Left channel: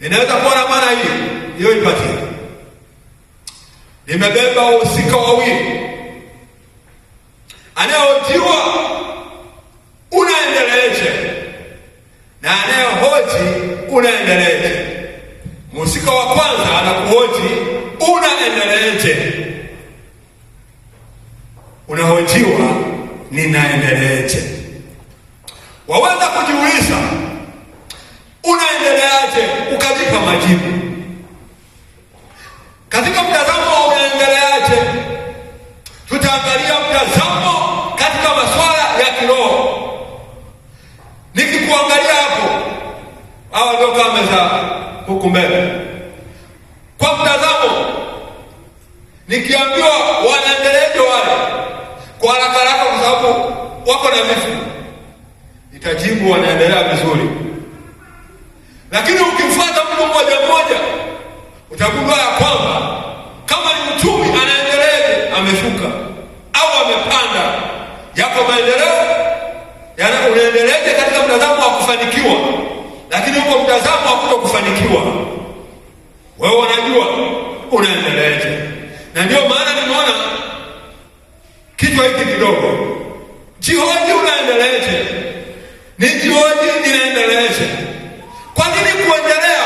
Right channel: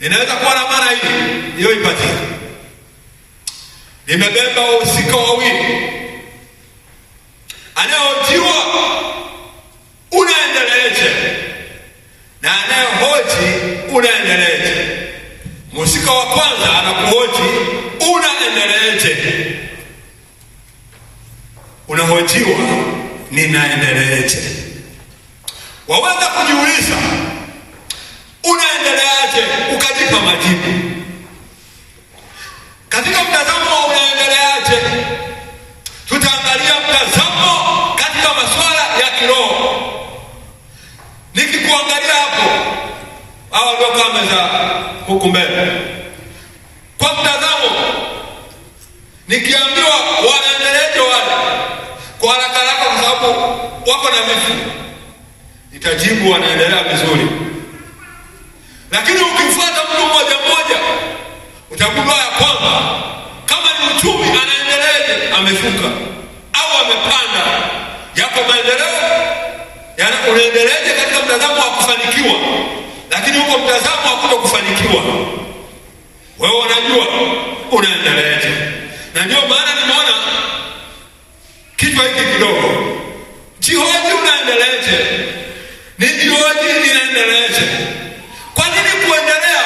inaweza kuwa na maana hiyo ipatie. Nimebeba wahusika wawili, anayehojiwa unaendeleaje na anayehoji unaendeleaje. Mhusika wa kwanza anakuhoji unaendeleaje, unahojiwa ninaendeleaje. Waweza kujiuliza unaendeleaje ukajipa majibu. Katika mtazamo wa unaendeleaje, tutaangalia mtazamo katika masuala ya kiroho. Nikikuangalia hapo, hawa ndio kamera huku mbele. Kwa mtazamo, nikiambiwa wanaendeleaje wale, kwa haraka haraka, kwa sababu wako na vitu, nitajibu wanaendelea vizuri. Lakini ukifuata mtu mmoja mmoja, utagundua ya kwamba kama ni uchumi anaendeleaje, ameshuka au amepanda. Yako maendeleo, yaani unaendeleaje katika mtazamo wa kufanikiwa, lakini huko mtazamo wa kutokufanikiwa, wewe unajua unaendeleaje. Na ndio maana nimeona kitu hiki kidogo, jihoji unaendeleaje, nijihoji ninaendeleaje. Kwa nini kuendelea?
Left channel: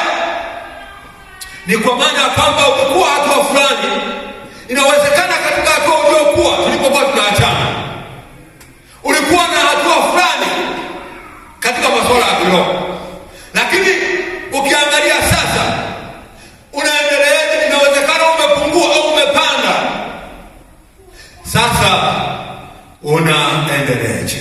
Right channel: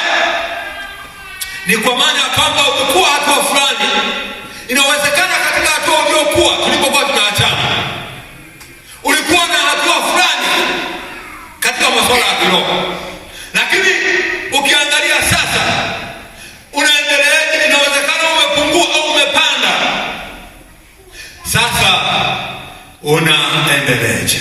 Ni kwa maana ya kwamba ulikuwa hatua fulani, inawezekana katika hatua uliokuwa tulipokuwa tunaachana, ulikuwa na hatua fulani katika masuala ya kiroho, lakini ukiangalia sasa unaendeleaje, inawezekana umepungua au umepanda. Sasa unaendeleaje?